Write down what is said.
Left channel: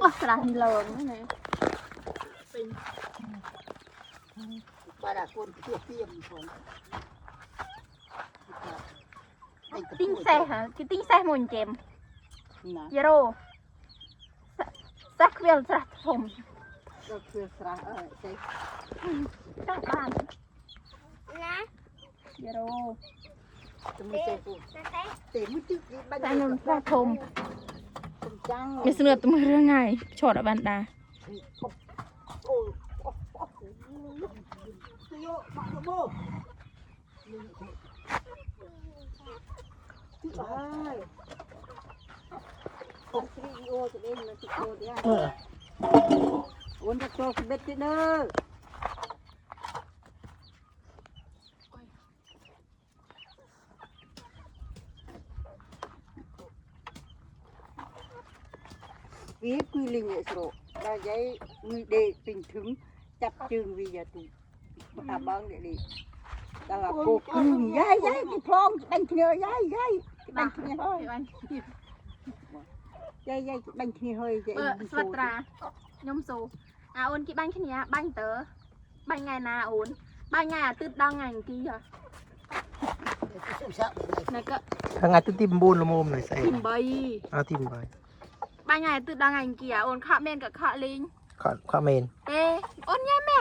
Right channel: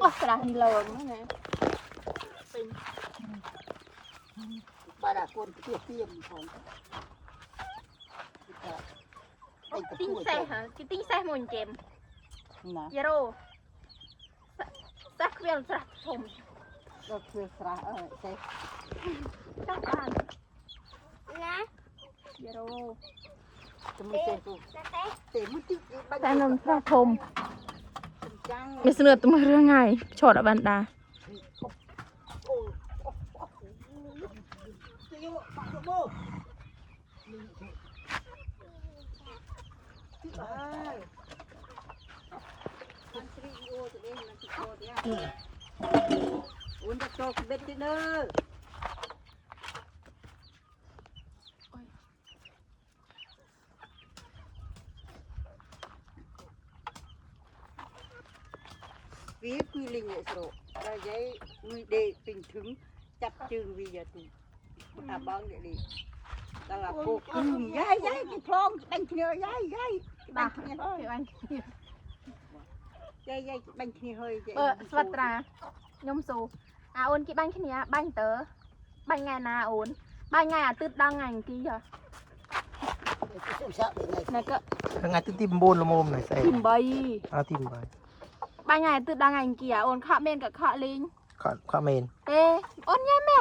โอ้กระดาษนี่เลยนะฮะ bà đã côn kia tiêm còn tinh xe hả cái tinh xe mồn chém nè zero sắc vel sạchผม เราคือสระใช่ sắc bàn zero จะไม่ใช่ตัวเต็มที่บ้าน แต่นมสระผม จัง ไม่เสนอตัวมือเรื่องไงชดอ่ะบันดา โอ้โยมาโบไปผมสรีโอตัวเองนะติโอเดียววันจะโชว์เบ็ดเนอร์วีคุยลิงเนี่ยสโลได้ยัยมือเด็กถึงจับจึงวีจะถูกตาบ้างเนี่ยดิตาโกกุ้งยัยที่พร้อมแบ่งเนื้อยัยแบ่งเนื้อเฮ้ยยัยแบ่งเนื้อเฮ้ย สวัสดียมสูโอนกี่บ้านแค่นี้บ้านเต๋อบ้านไงนาโอนบ้านไงตืดดังไงกี่เหรอไหนก็ ข้างในตุ้มบูนละมุมหน่อยใส่ ทิมใบ เอาทิมไป บ้านไงตืดดังไงกี่โอนข้าเมนกับข้าลิง ข้าเมน โอนไงแม่